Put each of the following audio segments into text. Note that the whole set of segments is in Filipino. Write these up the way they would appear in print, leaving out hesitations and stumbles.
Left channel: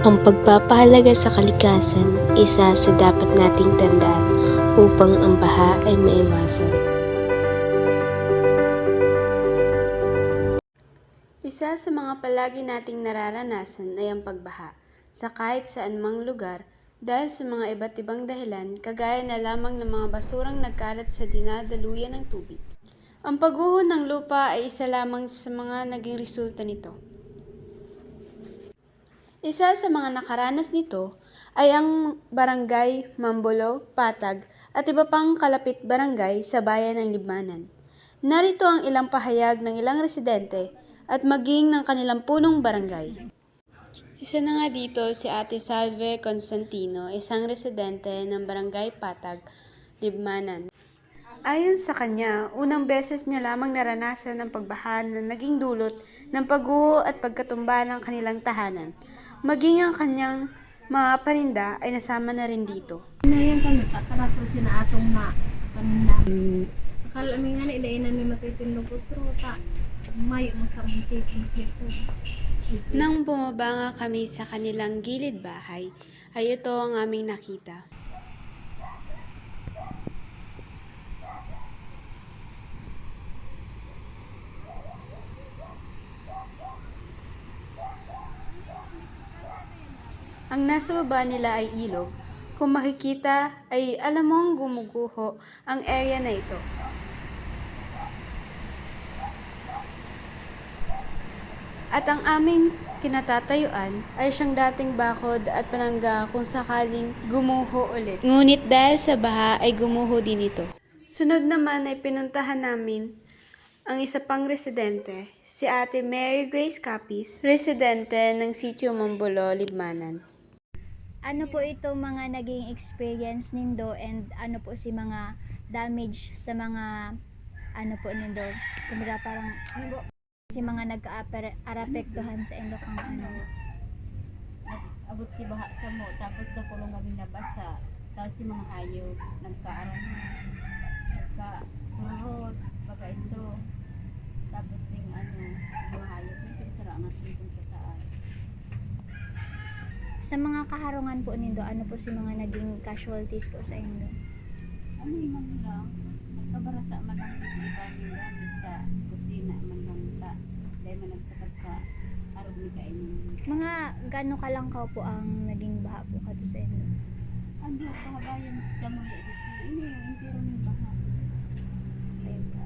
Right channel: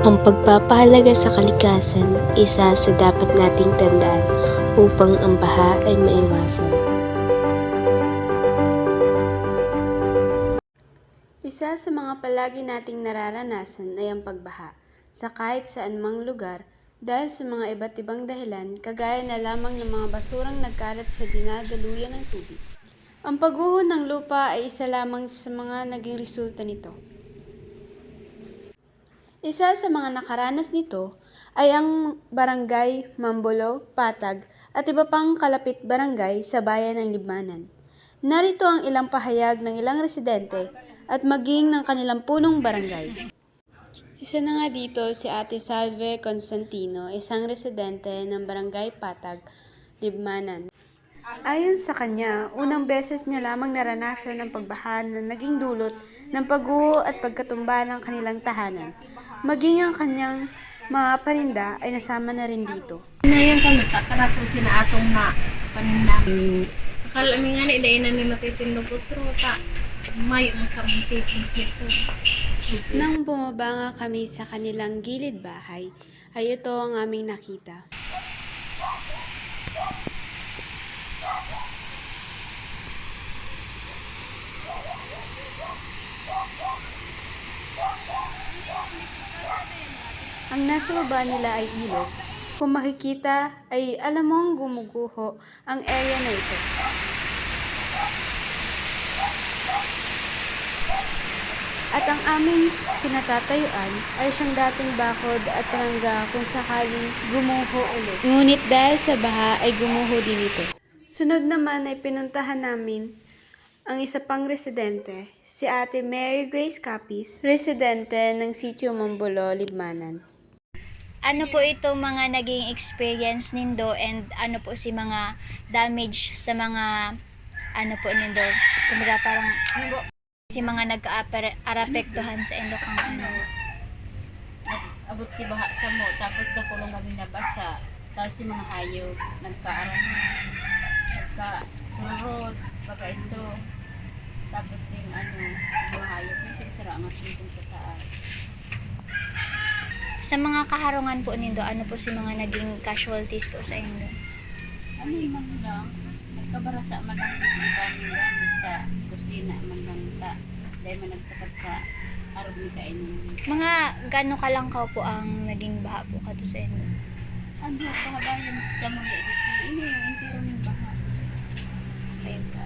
Ang pagpapahalaga sa kalikasan, isa sa dapat nating tandaan upang ang baha ay maiwasan. Isa sa mga palagi nating nararanasan ay ang pagbaha sa kahit saan mang lugar dahil sa mga iba't ibang dahilan kagaya na lamang ng mga basurang nagkalat sa dinadaluyan ng tubig. Ang pagguho ng lupa ay isa lamang sa mga naging resulta nito. Isa sa mga nakaranas nito ay ang Barangay Mambolo, Patag at iba pang kalapit barangay sa bayan ng Libmanan. Narito ang ilang pahayag ng ilang residente at maging ng kanilang punong barangay. Isa na nga dito si Ate Salve Constantino, isang residente ng Barangay Patag, Libmanan. Ayon sa kanya, unang beses niya lamang naranasan ang pagbaha na naging dulot ng pagguho at pagkatumba ng kanilang tahanan. Maging ang kanyang mga paninda ay nasama na rin dito. Ngayon kami takarato sina atong na paninda. Akala mi nga ni dahil na ni matitindog utro ta. May magkamunti dito. Nang bumaba nga kami sa kanilang gilid bahay, ay ito ang aming nakita. Ang nasa baba nila ay ilog. Kung makikita ay alam mong gumuguho ang area na ito. At ang aming kinatatayuan ay siyang dating bakod at palangga kung sakaling gumuho ulit. Ngunit dahil sa baha ay gumuho din ito. Sunod naman ay pinuntahan namin ang isa pang residente, si Ate Mary Grace Capis, residente ng Sitio Mambolo, Libmanan. Ano po ito mga naging experience nindo and ano po si mga damage sa mga ano po nindo? Kumbaga parang si mga nagka-arapektuhan sa indo kang ano. Abot si baha sa mo tapos nakulong kami nabasa. Tapos si mga hayop nagka-turod baga ito. Tapos yung mga hayop na sira ang asintong sa taas. Sa mga kaharungan po nindo, ano po si mga naging casualties po sa indo? Ano yung man lang, nagkabarasa man lang si iba nila sa kusina man lang ta. Dahil man nagsakat sa arog ni kainin. Mga gano kalangkaw po ang naging baha po kato sa indo? Ano kahabayan sa muya dito? Ini yung intero ng baha. Ayun sa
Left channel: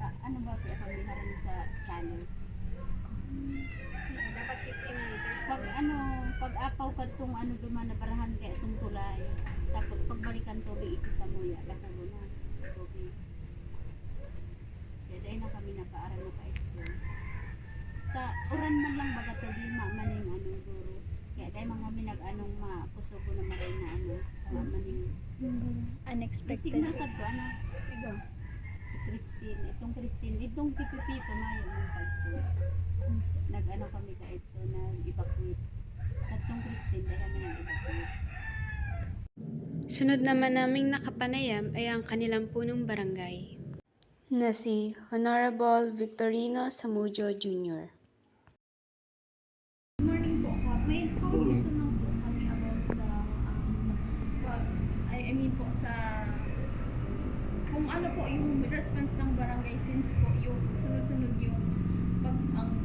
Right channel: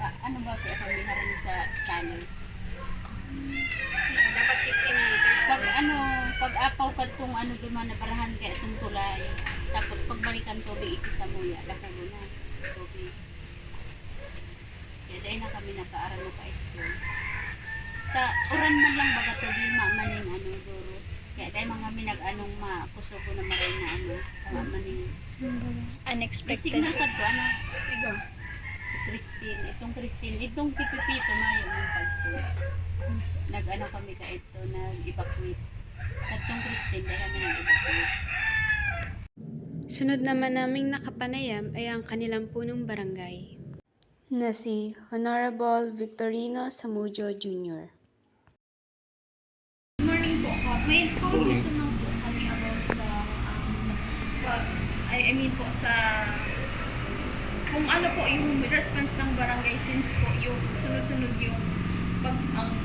ano ba kaya kami haran sa salon? Pag apaw kadtong duman na parahan kaya itong tulay. Tapos pagbalikan tubig ito sa muya, lako mo na tubig. Kaya dahil na kami nagkaaral mo pa ito. Sa uran man lang baga tubig maning duros. Kaya dahil mga minag-anong makusugo na maray na tama maning Unexpected. signal kadto Igo. Si Christine, itong pipipito mayo ng kadto. Nag-ano kami ka ito, nag-evacuate. Katong Christine, dahil kami nag-evacuate. Sunod naman naming nakapanayam ay ang kanilang punong barangay na si Honorable Victorino Samudio Jr. Good morning po. May comment lang po kami about sa I mean po sa kung ano po yung response ng barangay since po yung sunod-sunod yung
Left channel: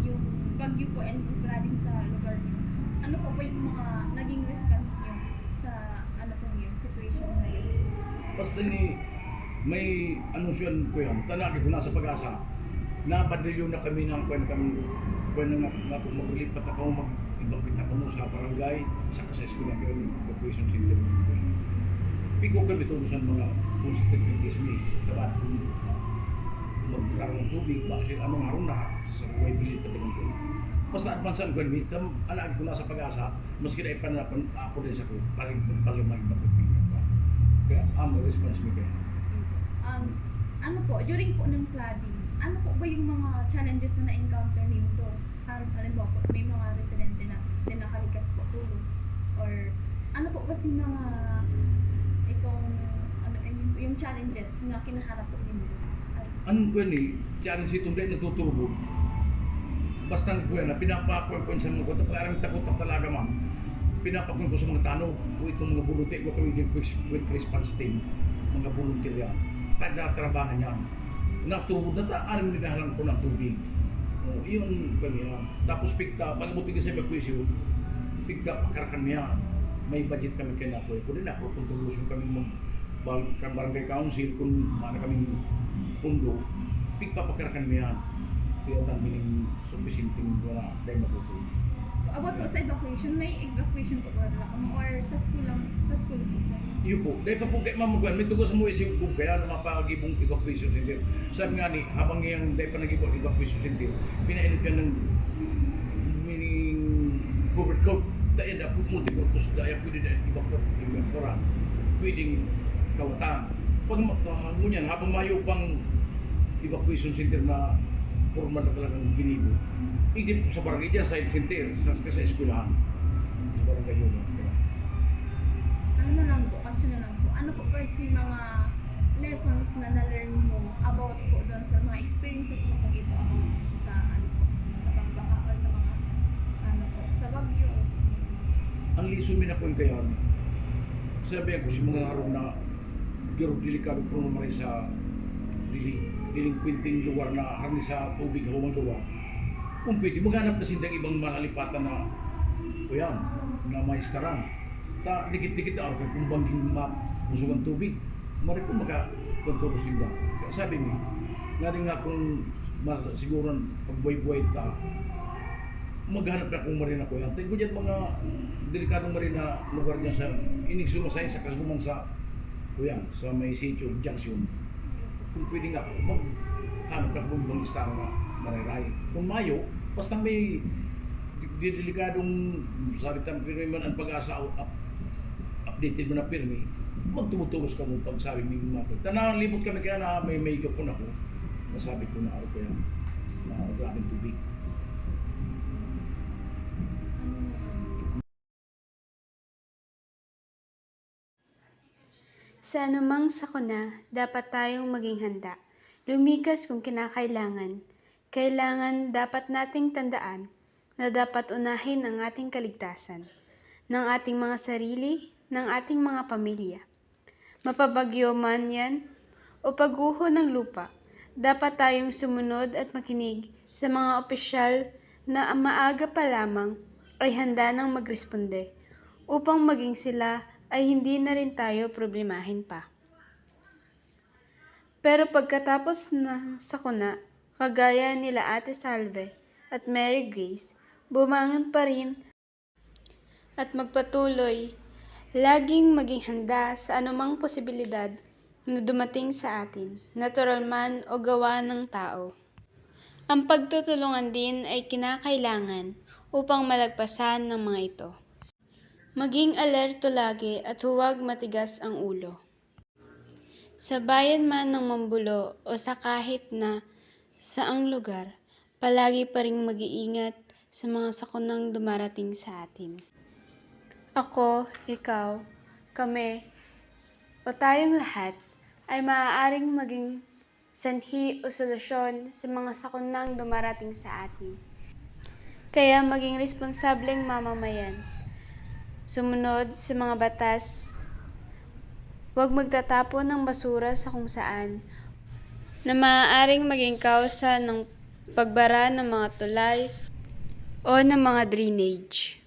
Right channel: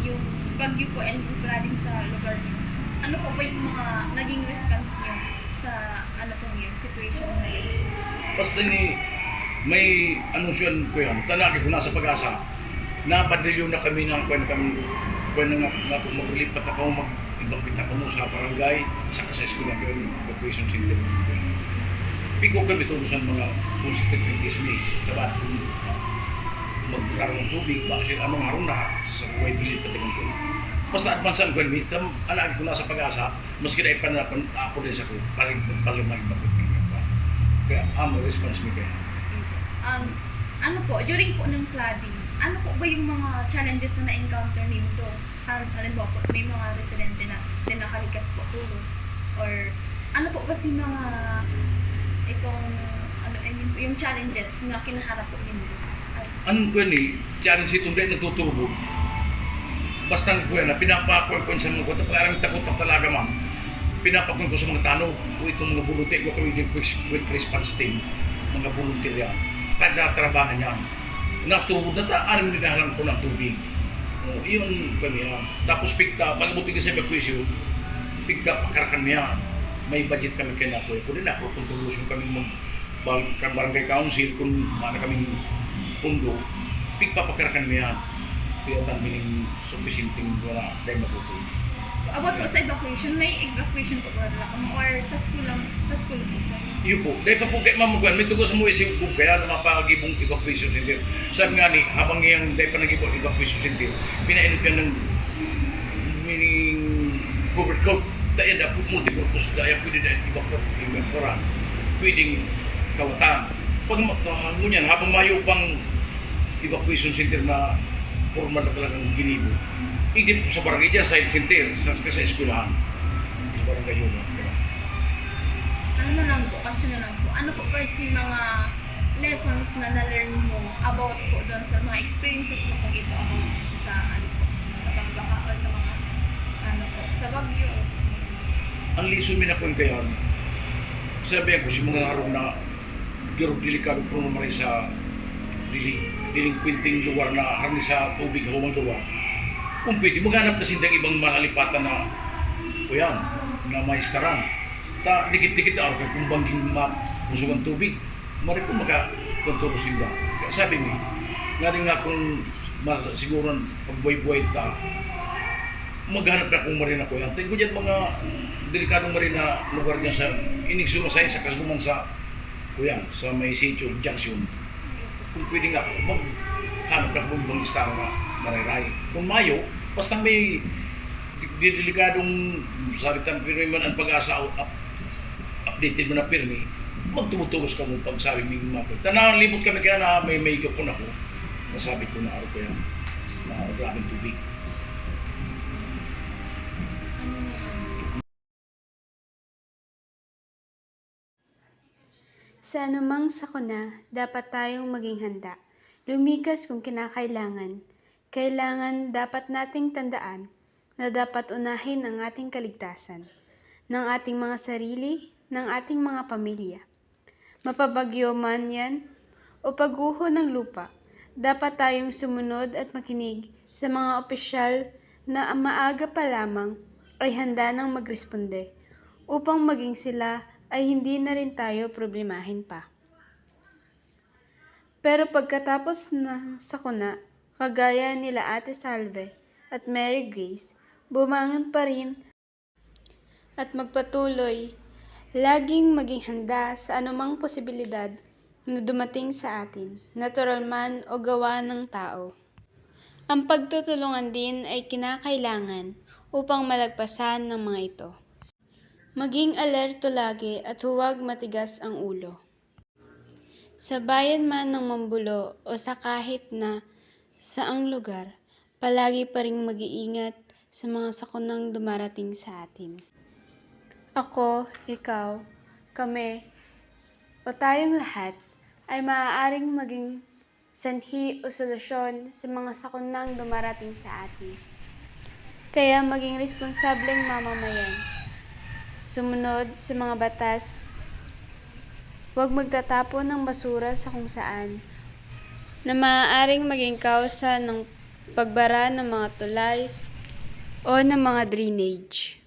yung bagyo po and flooding sa lugar niyo. Ano po ba yung mga naging response niyo sa ano po yung situation na yun? Basta ni may anunsyon ko yan, tanaki ko nasa Pag-asa, napadilyo na kami ng kung maglipat ako, mag-evacuate ako mo sa barangay, sa kases ko na yung evacuation center. Piko kami tulusan mga constituencies ni, dapat magkaroon ng tubig, bakit anong harong na sa buhay bilit pati ng tubig. Basta advansan ko yun, anak ko nasa Pag-asa, maski na ipanapan ako din sa ko, paling mag-evacuate ng iba. Kaya ang response mo kaya. Ano po, during po ng flooding, ano po ba yung mga challenges na na-encounter nito? Halimbawa po, may mga residente na nakalikas po tulos or ano po kasi mga itong yung challenges na kinaharap po ninyo? Anong ko ni challenge itong dahil nagtutubog, basta ko yan, pinapakuan ko sa mga kota, parang takot pa talaga ma'am. Pinapakuan ko sa mga tanong, o itong mga volunteer ko kami din quick response team, mga volunteer yan. Trabahan yan. Natubod na alam nila ko ng tubig. Yun kami yan. Tapos pigta, pag-abutin sa evacuation, pigta pakarakan niya. May budget kami kaya na po. Kung na po, kung tulusyon kami barangay council, kung mana kaming pundo, pigta pakarakan niya. Kaya tamiling sufficienting wala dahil matutuloy. About po sa evacuation, may evacuation po ba nila kamo or sa school lang, sa school po? Iyo po, dahil ka po kay mamugan, may tugos mo isip ko kaya na mapagibong evacuation center. Sabi nga ni, habang iyang dahil pa nagibong evacuation center, pinainit ka ng meaning covered coat. Dahil na po multi-purpose dahil pwede na evacuation, pwedeng kawatan. Pag mo niyan, habang mayo pang evacuation center na formal na talagang ginibo, igit po sa barangay dyan, sa center, sa eskwelahan. Sa barangay yun. Ano na lang po, question na lang po. Ano po guys yung mga lessons na na-learn mo about po doon sa mga experiences mo po ito about sa ano po, sa pagbaka o sa mga ano po, sa Baguio? Ang lisod min ako yung kayan, sabi ko si mga harong na giro delikado po naman sa delinquenting lugar na harni sa tubig humang lugar. Kung pwede, maghanap na sindang ibang malalipatan na kuyan, na maistaran. Ta, dikit-dikit ako kung bangging mapusog ang tubig, mari po makakontoro sinda. Kaya sabi mi, nga rin nga kung siguro pagbuhay-buhay ta, maghanap na kung marina ko yan. Tingko dyan mga delikadong marina lugar dyan sa inigsumasay sa kasluman sa kuyan, sa may Sitio Junction. Kung pwede nga, maghanap na kung ibang istaro na mariray. Kung mayo, basta may delikadong sabitan pirmi man ang pag-asa updated mo na pirmi, magtumutulos ka mo pag sabi mo mapit. Tanang libot kami kaya na may gapon ako. Nasabi ko na araw ko yan, na grabing tubig. Sa anumang sakuna, dapat tayong maging handa. Lumikas kung kinakailangan. Kailangan dapat nating tandaan na dapat unahin ang ating kaligtasan, ng ating mga sarili, ng ating mga pamilya. Mapabagyo man yan o pagguho ng lupa, dapat tayong sumunod at makinig sa mga opisyal na maaga pa lamang ay handa nang magresponde upang maging sila ay hindi na rin tayo problemahin pa. Pero pagkatapos ng sakuna, kagaya nila Ate Salve at Mary Grace, bumangon pa rin at magpatuloy, laging maging handa sa anumang posibilidad na dumating sa atin, natural man o gawa ng tao. Ang pagtutulungan din ay kinakailangan upang malagpasan ng mga ito. Maging alerto lagi at huwag matigas ang ulo. Sa bayan man ng Mambulo o sa kahit na saang lugar, palagi pa ring mag-iingat sa mga sakunang dumarating sa atin. Ako, ikaw, kami, o tayong lahat ay maaaring maging sanhi o solusyon sa mga sakunang dumarating sa atin. Kaya maging responsableng mamamayan. Sumunod sa mga batas. Huwag magtatapon ng basura sa kung saan na maaaring maging kausa ng pagbara ng mga tulay o ng mga drainage.